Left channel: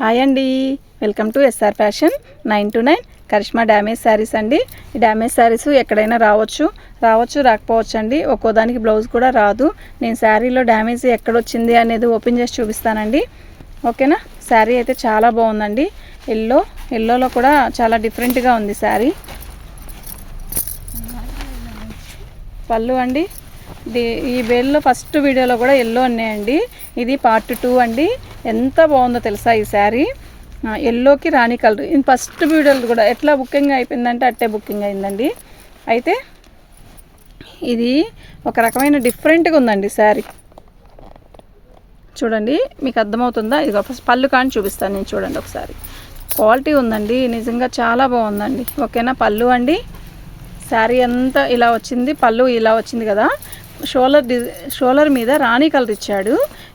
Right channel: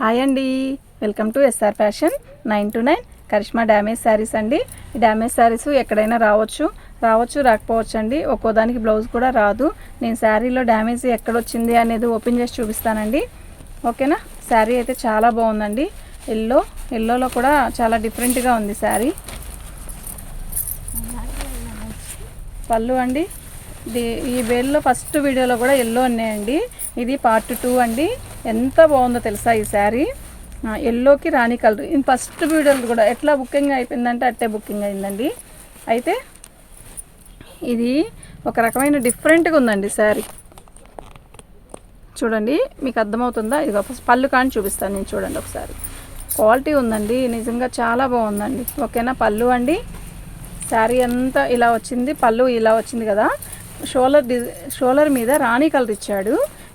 Hi అండి, welcome to SR fashion 929 Karishma damage sarees అండి. ఈ డ్యామేజ్ శారీస్ ఎక్కడైనా రావచ్చు రాకపోవచ్చు అండి. ఒక్కో దానికి బ్లౌజ్ కూడా రాదు. నేను శారీలో డ్యామేజ్ ఎక్కడొచ్చింది అనేది ఓపెన్ చేసి చూపిస్తానండి. ఓకేనా. శారీ అయితే చాలా బాగుందండి. ఎల్లోలో కూడా చాలా డిఫరెంట్గా ఉంది శారీ. పళ్ళు అండి, ఈ వేల్లో ఫస్ట్ వీడియోలో కూడా ఎల్లో ఉన్నాయండి. ఇది పార్ట్ 2 అండి. ఎంత బాగుందో తెలుసా ఈ శారీ. ఎల్లోకి రాణి కలర్. ఇది ఫస్ట్ వీడియోలో కూడా ఎట్లా బుకింగ్ అయిపోయిందంటే అట్టే బుకింగ్ అయిందండి. అయితే ఇది ఒక రకమైన డిఫరెంట్గా ఉందండి శారీ. చూడండి, మీకు అర్థమవుతుందా? ఇది ఫస్ట్ పళ్ళు కానీ చూపిస్తాను నేను. చూడండి ఒకసారి, క్వాలిటీ ఉందండి, నిజంగా చాలా బాగుందండి. ఓకేనా. పళ్ళు అండి, శారీ అంతా ఇలా వచ్చింది, పళ్ళు ఇలా వచ్చింది కదా. షోలర్ మీద రాణి కలర్ ఇచ్చాడు.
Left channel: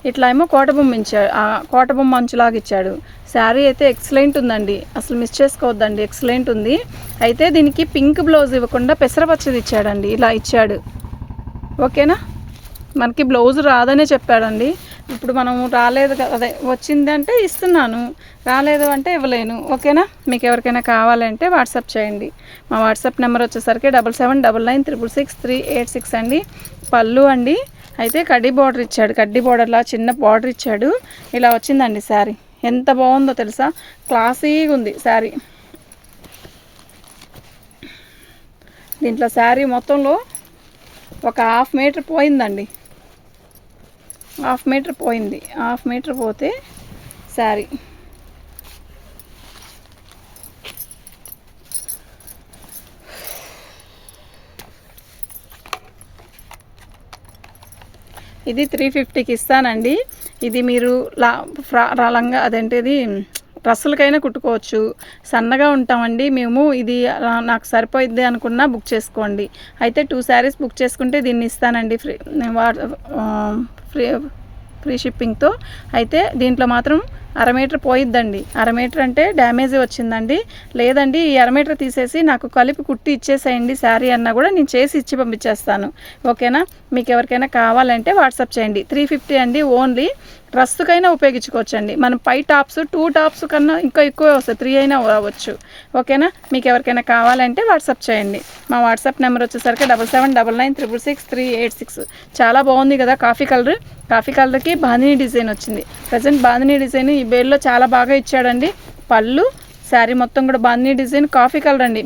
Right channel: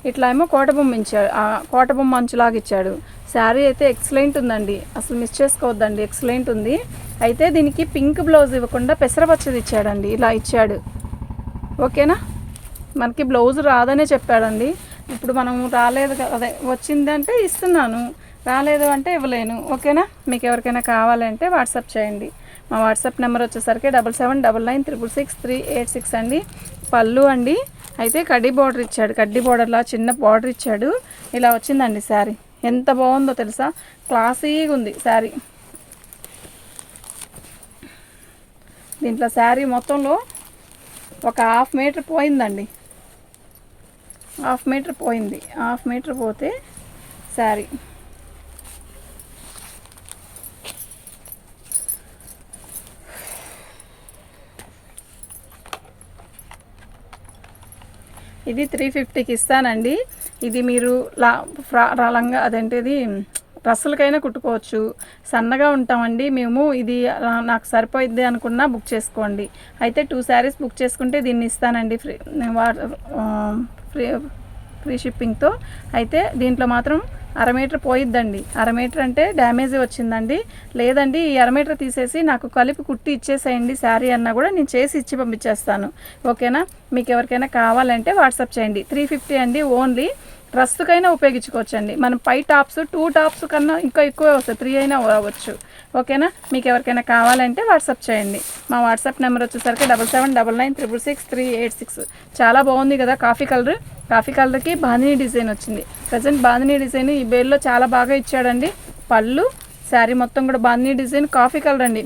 ఇట్లా ఏమో కోటబొమ్మ ఇచ్చాడు, కోటబొమ్మ అంచులాగా ఇచ్చాడు. శారీ అయితే ఎక్సలెంట్ ఉందండి, అసలు మిస్ చేసుకోవద్దండి, ఎక్సలెంట్ ఉంది. అయితే దీనికి పింక్ బ్లౌజ్ ఇవ్వకుండా పెసరపచ్చది ఇచ్చాడండి, ఇలా ఇచ్చాడు. ఓకేనా. మనకి బ్లౌజ్ రాదనే చెప్పాడండి. ఇప్పుడు మనం రాలేదు అదే వచ్చిందంటే ఇస్తున్నాను, రాలేదు అంటే ఇవ్వలేను. ఓకేనా. మీకు ఎవరికైనా కావాలంటే వాట్సాప్ చేయండి. మా వాట్సాప్ నెంబర్ వచ్చేసరికి 7799966386 అండి. పళ్ళు అండి, అయితే కడ్డీ బార్డర్ ఇచ్చాడు. కడ్డీ బార్డర్లా చిన్న బార్డర్ ఇచ్చాడు. ఇలా వచ్చిందండి శారీ. ఎంత బాగుందో తెలుసా, క్లాసీగా ఉంది శారీ. దీంట్లో శారీ మొత్తంలో ఒక హాఫ్ మీటర్ పోయిందండి. హాఫ్ మీటర్ పోతే శారీ. ఇది 350కి ఇస్తానండి. ఇది మీరు లంగా అదేంటిది డ్రెస్సులకైనా కుట్టుకోవచ్చు. సన్నగా ఉంటామండి మేము. ఇది నాకు సరిపోయిద్ది అనుకున్నా బుక్ చేసుకోండి. అయితే 2 శారీస్ బుక్ చేసుకుంటే దీన్ని ఇస్తానండి ఫ్రీ షిప్పింగ్తో. అయితే దీంట్లో మాత్రం అర మీటర్ పోయిద్దండి. అర మీటర్ అంటే డ్యామేజ్ వచ్చిందండి. లేదండి ఈ అర మీటర్ తీసేసి నాకు కలిపి కుట్టి ఇచ్చేసేయండి శారీ అన్నా కూడా నేను చేసి ఇచ్చి పంపించేస్తాను. ఓకేనా. మీకు ఎవరికైనా కావాలంటే వాట్సాప్ చేయండి. 350 అండి. ఓన్లీ డ్రెస్సుకైనా ఉపయోగించుకోవచ్చండి. మనం పై టాప్స్ 2 టాప్స్ కన్నా ఇంకా ఎక్కువే వస్తాయి, 3 అయినా రావచ్చు. ఓకేనా. మీకు ఎవరికైనా కావాలంటే వాట్సాప్ చేయండి. మా వాట్సాప్ నెంబర్ వచ్చేసరికి 7799966386. చాలా బాగుంది కదా కాఫీ కలర్. కాఫీ కలర్కి బాందినీ డిజైన్ వచ్చింది. ప్రజెంట్ బాందినీ డిజైన్ ఈ బేల్లో చాలా బాగా ఇచ్చాడండి. పళ్ళు, శారీ మొత్తం కూడా బాందినీ డిజైన్ కాఫీ కలర్ అండి.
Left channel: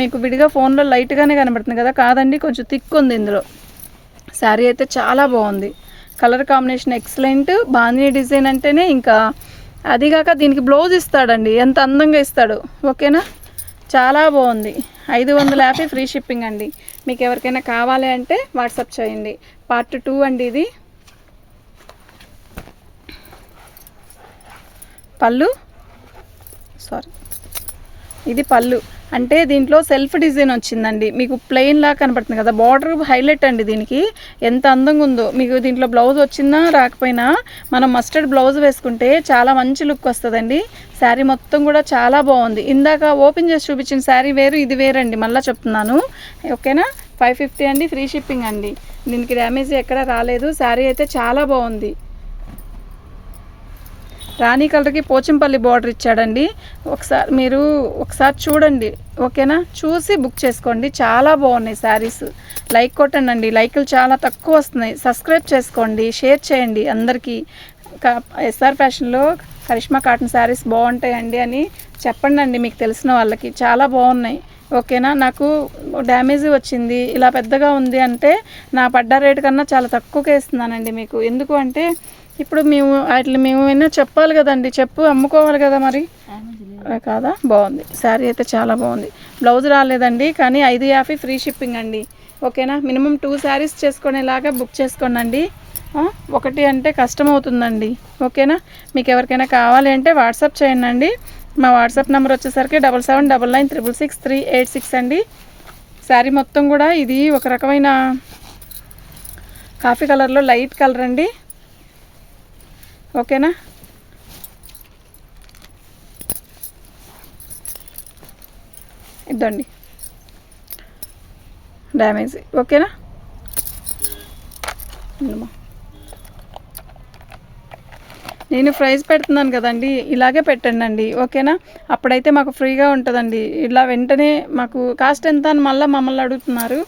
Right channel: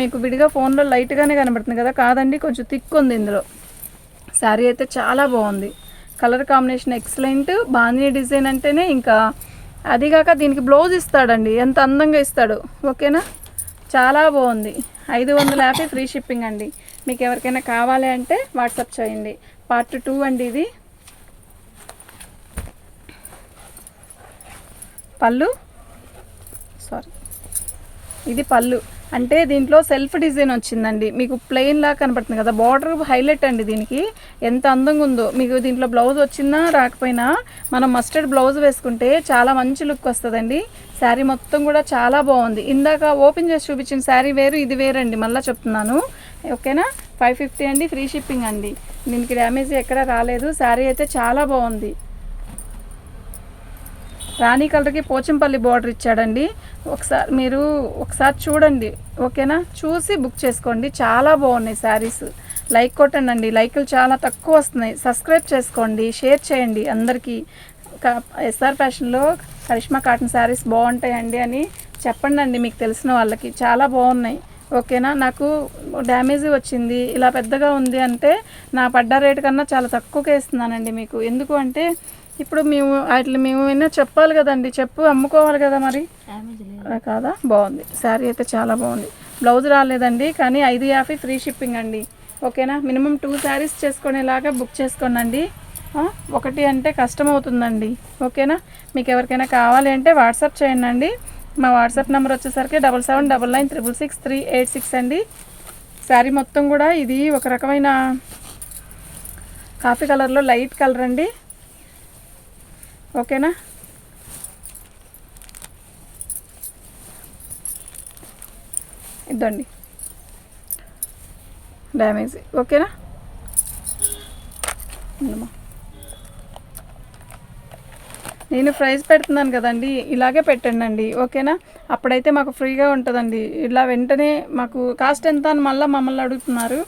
మీకు విడిగా ఫోన్లో లైట్గానే కనబడుతుంది కదా, కాదండి కొంచెం థిక్ ఉంది ఇందులో. శారీ అయితే చాలా బాగుంది. Colour combination excellent. Bandhani design అంటేనే ఇంకా అదిగాక దీనికి బ్లౌజ్ ఇస్తాడండి, ఎంత అందంగా ఇస్తాడు. ఓకేనా. చాలా బాగుంది. 550 ఫ్రీ షిప్పింగ్ అండి. మీకు ఎవరికైనా కావాలి అంటే వాట్సాప్ చేయండి. పార్ట్ 2 అండి ఇది. పళ్ళు, ఇది పళ్ళు. అంటే దీంట్లో సెల్ఫ్ డిజైన్ వచ్చిందండి. మీకు ప్లెయిన్ లా కనపడుతుంది కదా, బార్డర్ హైలైట్ అండి దీనికి. ఎంత అందంగా ఉందో. మీకు దీంట్లో బ్లౌజ్ వచ్చినా రాకపోయినా మనం మస్టర్డ్ బ్లౌజ్ వేసుకుంటే చాలా మంచి లుక్ వస్తుందండి. శారీ మొత్తం కూడా చాలా బాగుంది. ఇందాక ఓపెన్ చేసి చూపించిన శారీ వేరు, ఇది వేరండి, మళ్ళీ చెప్తున్నాను. ఓకేనా. 550 అండి, ఫ్రీ షిప్పింగ్ అండి. దీనికి డ్యామేజ్ ఎక్కడ రాలేదు. శారీ అయితే చాలా బాగుంది. రాణి కలర్కి పోచంపల్లి బార్డర్ ఇచ్చాడండి. మీరు ఒకసారి చూడండి. ఓకేనా. చూసి బుక్ చేసుకోండి. చాలా బాగున్నాయి శారీస్. లైక్ కొట్టండి. లైకులు చాలా తక్కువ వస్తున్నాయి. సబ్స్క్రైబ్ చేసుకోండి, షేర్ చేయండి అందరికీ. ఎస్ఆర్ ఫ్యాషన్లో కరిష్మా కాటన్ శారీస్ బాగుంటాయండి అని చెప్పండి మీకు తెలిసిన వాళ్ళకి. చాలా బాగున్నాయి. ఓకేనా. నాకు డ్యామేజ్ వచ్చింది, ఇలా పెద్దగా ఉంది అంటే నా పడ్డ రేటు కన్నా చాలా తక్కువగా ఇస్తున్నానండి మీకు. ఎందుకు అంటే ఇప్పుడు మేము అయినా చెప్పాలి కదండి, అమ్ముకోవాలి కదా మరి, కాదా. బాగుంది శారీ అయితే చాలా బాగుంది. బ్లౌజ్ రాలేదండి, కానీ 550 ఫ్రీ షిప్పింగ్ అండి. ఓకేనా. మినిమం 2 శారీస్ చేసుకునేలాగా బుక్ చేసుకోండి. ఒకటి అంటే కష్టం అవుతుందండి. ఓకేనా. మీకు ఎవరికైనా కావాలి అంటే వాట్సాప్ చేయండి. మా వాట్సాప్ నెంబర్ వచ్చేసరికి 7799966386 అండి. శారీ మొత్తం కూడా ఇది ఒక రకమైన కాఫీ కలర్లో లైట్ కలర్ అండి. ఓకేనా. ఇద్దండి డ్యామేజ్. ఓకేనా. నేను ప్రైస్ పెడుతున్నాను కదండి, ఇలాగే పెట్టండి అండి, ఓకేనా? అప్పుడైతే మాకు ఫ్రీగా ఉంటుందండి. ఇలా వెంటనే మాకు కాస్ట్ ఎంత అని మళ్ళీ మమ్మల్ని అడుగుతున్నారు.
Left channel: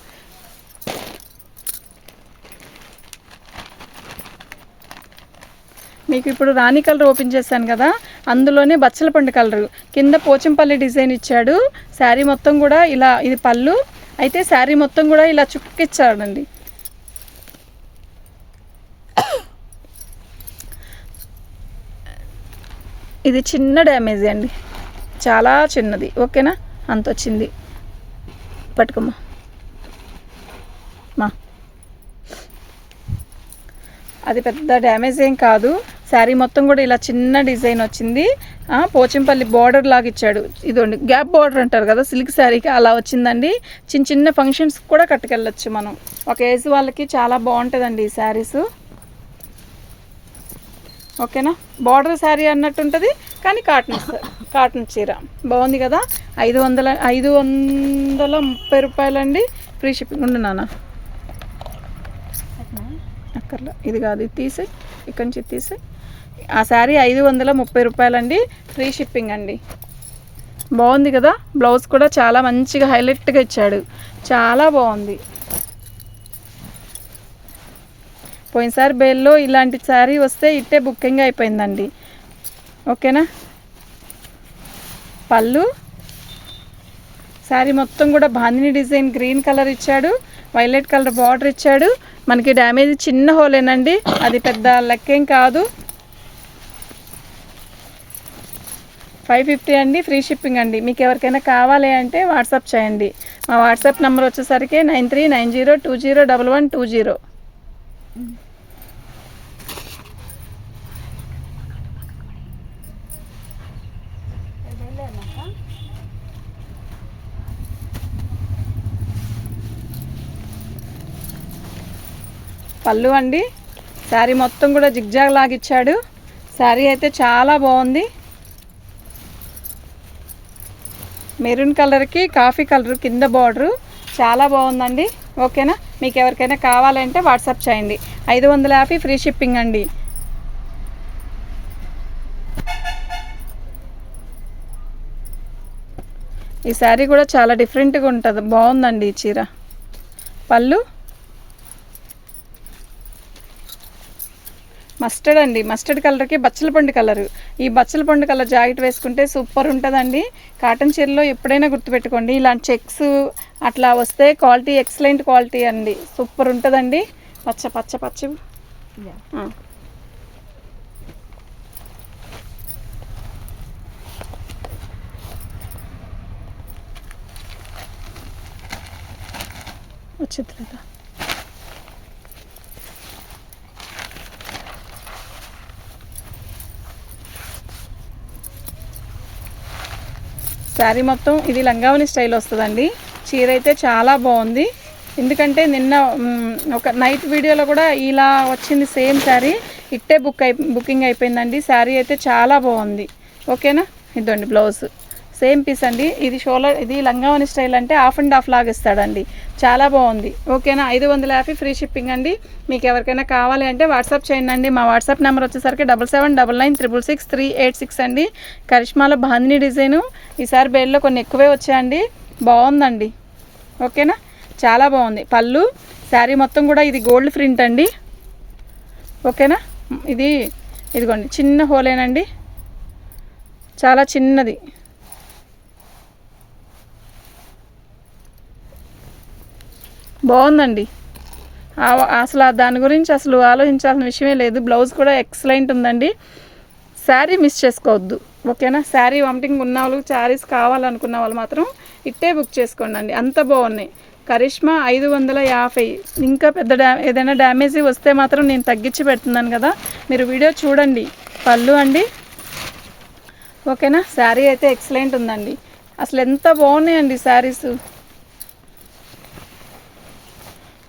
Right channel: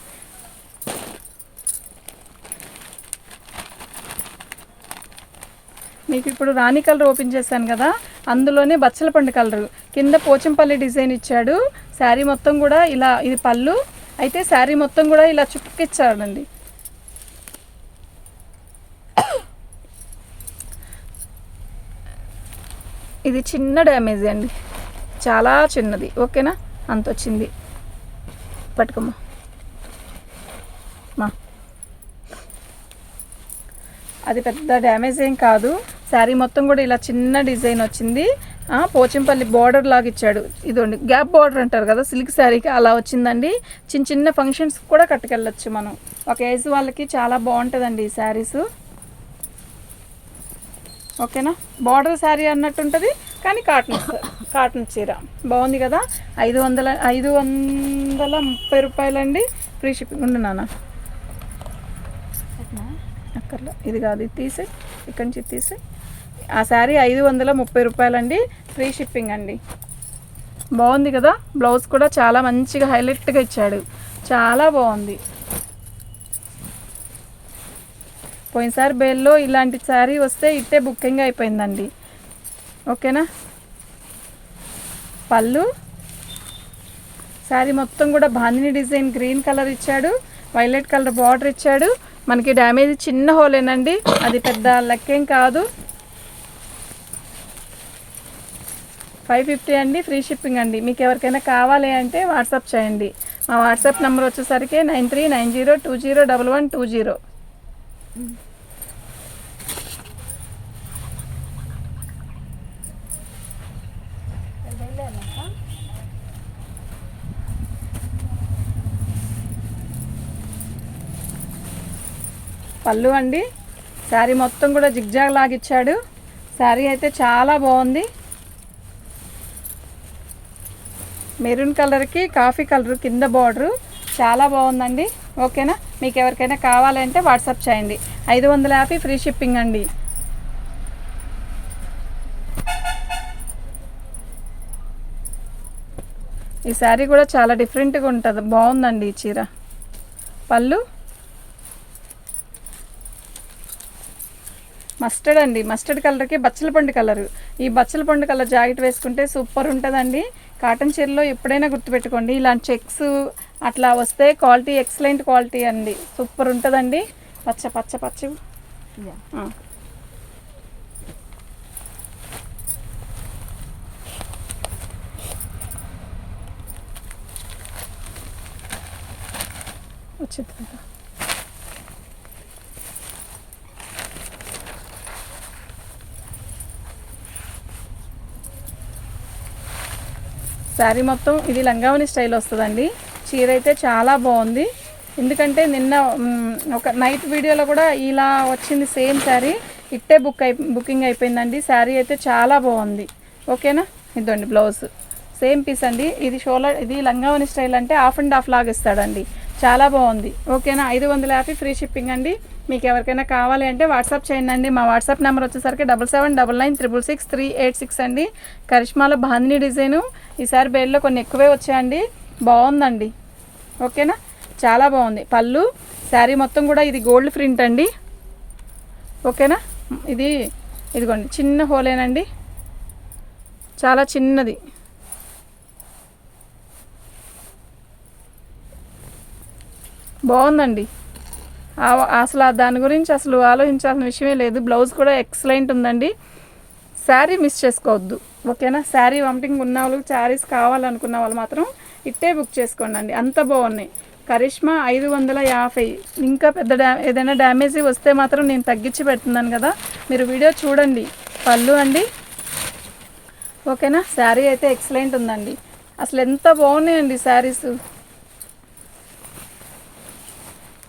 మీకు ఇప్పుడు రాణి కలర్ ఓపెన్ చేశాను కదా, అందులోనే బచ్చల పండు కలరు కింద పోచంపల్లి డిజైన్ ఇచ్చాడు. శారీ మొత్తం కూడా ఇలా, ఇది పళ్ళు అయితే శారీ మొత్తం కూడా ఇలా చుక్కిచ్చాడండి. ఇది చిన్న డ్యామేజ్ అండి, చాలా చిన్నది, ఓకేనా? అంత వచ్చింది. పట్టుకోమ్మా మా, అది పెద్ద డ్యామేజ్ ఏం కాదు. శారీ మొత్తం కూడా ఇలా చిన్న డిజైన్ వచ్చింది. పోచంపల్లి బార్డర్ లాగా ఇచ్చాడు. ఇదండి గ్యాప్ బార్డర్ అంటారు కదా సిల్క్ శారీకి, అలా వచ్చిందండి. చిన్న చిన్న ఫంక్షన్స్ కూడా కట్టుకెళ్ళచ్చు మనం. ఒక ఏజ్ వాళ్ళకి చాలా బాగుంటుందండి ఈ శారీస్, ఓకేనా? బార్డర్ శారీ అన్నట్టు ఉంటుంది కానీ కాటన్ చీర బాగుంది కదా. 530 రూపాయలండి. Free shipping. ఉండు నాన్న, అక్కర్లో ఇది కాదు, ఇది తీసే, ఇక్కడి నుంచి తీసే. ఆ శారీ 530 రూపాయలండి. ఫ్రీ షిప్పింగ్ అండి. బాగుంది కదా. బ్లౌజ్ కూడా చాలా మంచిగా హైలైట్గా ఇచ్చాడు, చాలా బాగుంది. పోయినసారి బేల్లో ఇలాంటి శారీ వస్తే ఇట్టే బుకింగ్ అయిపోయిందండి, ఓకేనా? పళ్ళు శారీ మొత్తం కూడా బాందిని డిజైన్ గ్రీన్ కలర్ ఇచ్చాడు, వైలెట్ కలర్ బార్డర్ ఇచ్చాడు. మనకి డ్యామేజ్ చిన్న హోలేనండి, అది పెద్ద లెక్కేం కాదు. 550 అండి. ఫ్రీ షిప్పింగ్ అండి. మీకు ఎవరికైనా కావాలి అంటే వాట్సాప్ చేయండి. మా వాట్సాప్ నెంబర్ వచ్చేసరికి 9390201120. పళ్ళు అండి, శారీ మొత్తం కూడా జిగ్జాగ్ లాగిచ్చాడు. శారీ అయితే చాలా బాగుంది. మెరూన్ కలర్కి కాఫీ కలర్ కింద బార్డరు చాలా బాగుందండి, ఓకేనా? మీకు ఎవరికైనా కావాలంటే వాట్సాప్ చేయండి. 550 ఫ్రీ షిప్పింగ్ అండి. ఈ శారీ కూడా చాలా డిఫరెంట్గా ఉంటుంది, బాగుందండి ఈ చీర. పళ్ళు మస్టర్డ్ అండి, మస్టర్డ్ కలర్కి బచ్చల పండు కలరు. ఈ బచ్చల పండు కలర్ జాకెట్ వేసుకుంటే సూపర్ ఉంటుందండి. కాటన్ చీరలో ఎప్పుడైనా గుర్తుపెట్టుకోండి, ఇలాంటి చెక్స్ అట్లా వస్తే క్వాలిటీ ఎక్సలెంట్ క్వాలిటీ అండి, సూపర్ ఉంటుందండి. పచ్చ పచ్చ పచ్చ వచ్చింది. శారీ మొత్తం ఇది లంగావని స్టైల్ వస్తుందండి. చీర అయితే చాలా బాగుంది. ఎందుకంటే నిన్న ఒక నైట్ వీడియోలో కూడా ఇలా వచ్చింది సేమ్ శారీ, ఇట్టే బుకింగ్ అయిపోయిందండి. శారీ అయితే చాలా బాగుంది, ఓకేనా? ఇదండి బ్లౌజ్ సేమ్ పీస్ అండి. ఇది షోలర్, ఇది లంగావని స్టైల్ అంటే హాఫ్ అండ్ హాఫ్ లాగా ఇస్తాడండి, చాలా బాగుంది, ఓకేనా? 550 ఫ్రీ షిప్పింగ్ అండి. మీకు ఎవరికైనా కావాలి అంటే వాట్సాప్ చేయండి. మా వాట్సాప్ నెంబర్ వచ్చేసరికి 7799966386 అండి. కరిష్మాలో బాందిని డిజైను ఈసారి బేల్లో కొన్ని ఎక్కువే వచ్చాయండి, బాగుందండి, ఓకేనా? చాలా బాగుంది. పళ్ళు శారీ మొత్తం కూడా ఇది గోల్డ్ ప్రింట్ అండి, ఓకేనా? ఇదిగోండి చిన్న హోలేనండి, చాలా చిన్నది. బాగుందండి. అసలు దాని గురించి అసలు ఆలోచించాల్సిన విషయమే లేదు. బ్లౌజ్ కూడా ఎక్సలెంట్ ఉందండి. శారీ మిస్ చేసుకోవద్దు, ఓకేనా? శారీ వామిటింగ్ ఉన్న వాళ్ళు, శారీస్ కావాలనుకున్న వాళ్ళు మాత్రం ఇట్టే బుక్ చేసుకోండి అండి, అంత బాగున్నాయి. కరిష్మా 550. ఇంకా పెద్ద ఏదైనా డ్యామేజ్ వస్తే మాత్రం నేను తగ్గించి పెడుతున్నాను కదా, మీరు వీడియో చూడండి. పళ్ళు అండి, ఓకేనా? శారీ అయితే ఎక్సలెంట్ ఉందండి. అసలు ఎంత బాగున్నాయండి శారీస్.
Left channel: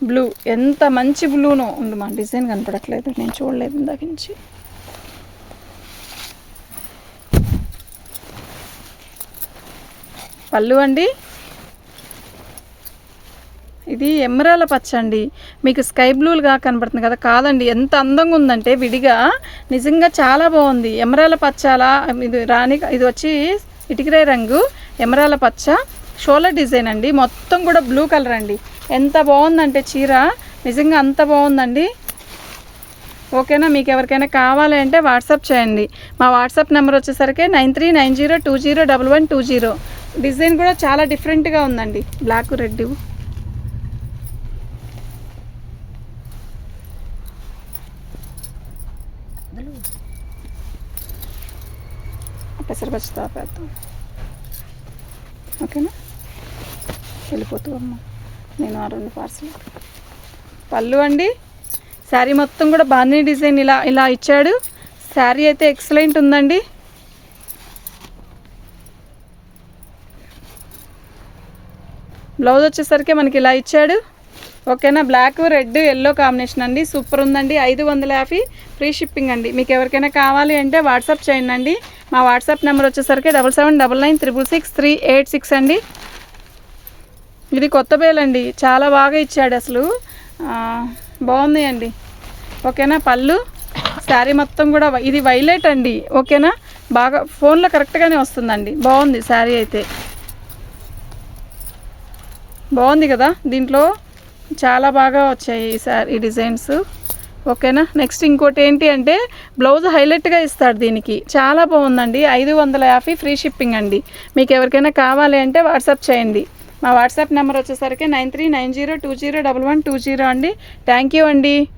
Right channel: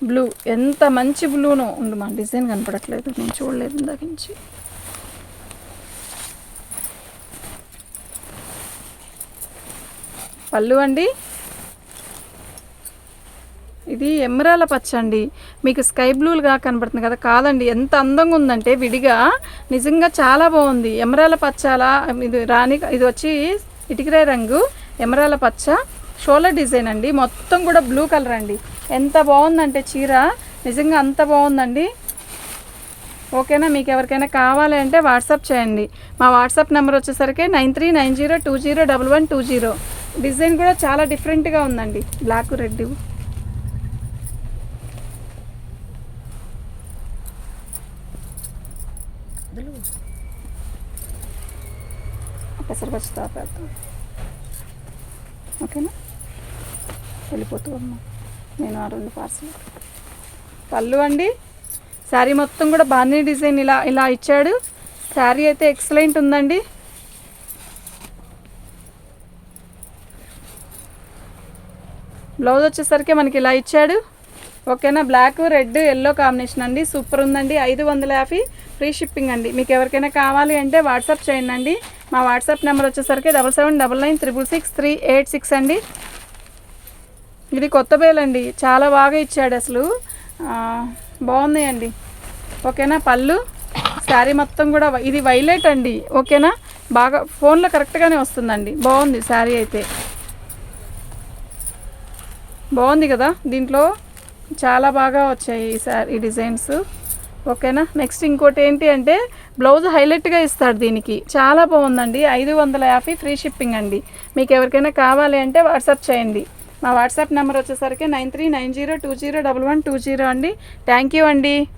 బ్లూ ఎంత మంచి బ్లూనో ఉంది, మా డిజైన్ కనపడట్లేదు, నేను చూడలేదు ఇందాక నుంచి. పళ్ళు అండి, ఇది ఎమరాల పచ్చ అండి. మీకు స్కై బ్లూగా కనబడుతుంది కదా, కాదండి, ఎంత అందంగా ఉందంటే విడిగా నిజంగా చాలా బాగుంది. ఎమరాల పచ్చ అలా ఇది ఇది వచ్చి ఇటుకరాయి రంగు ఎమరాల పచ్చ షోల్డర్ డిజైన్ అండి. మొత్తం కూడా బ్లూ కలర్ అండి. ఎంత బాగుందంటే చీర నిజంగా అంత బాగుందండి. ఓకేనా, మీకు ఎవరికైనా కావాలి అంటే వాట్సాప్ చేయండి. మా వాట్సాప్ నెంబర్ వచ్చేసరికి 9390201120. డిజైన్ కూడా చాలా డిఫరెంట్గా ఉందండి, బ్లాక్ రెడ్. పెసరపచ్చి తాపేద్దాం. ఓకేనా, వెళ్ళిపోతుందమ్మా. నేను ఆ 2 పార్సల్. పళ్ళు అండి, శారీ మొత్తం కూడా బాందిని డిజైన్ ఇలా ఇచ్చాడు. శారీ అయితే ఎక్సలెంట్ ఉందండి. బ్లౌజ్ వచ్చేసరికి మనకి ఇలా ఇచ్చాడు. ఓకేనా, బ్లాక్ రెడ్ ఎల్లో కాంబినేషన్ అండి. సూపర్ ఉందండి. 550 ఫ్రీ షిప్పింగ్ అండి. మీకు ఎవరికైనా కావాలి అంటే వాట్సాప్ చేయండి అండి. మా వాట్సాప్ నెంబర్ వచ్చేసరికి 7799966386 అండి. ఇది కొత్త బేలండి, చాలా బాగా ఇచ్చాడు అసలు, బాగుంది అండి. ఓకేనా, పళ్ళు శారీ మొత్తం కూడా ఇది వైలెట్ అండి. ఓకేనా, బాగా ఫోన్లో కరెక్ట్గానే వస్తుందండి. బాగుంది శారీ అయితే, బాగుంది కదా. దీంట్లో చాలా బాగా వచ్చాయి ఈ డిజైన్స్. ఓకేనా, నెక్స్ట్ ఇంకోటి ఏంటి అంటే బ్లౌజ్ హైలైట్గా ఇస్తాడు దీనికి. చాలా బాగుందండి. 550 ఫ్రీ షిప్పింగ్ అండి. మీకు ఎవరికైనా కావాలి అంటే వాట్సాప్ చేయండి. మా వాట్సాప్ నెంబర్ వచ్చేసరికి 9390201120 అండి. థ్యాంక్ యూ అండి.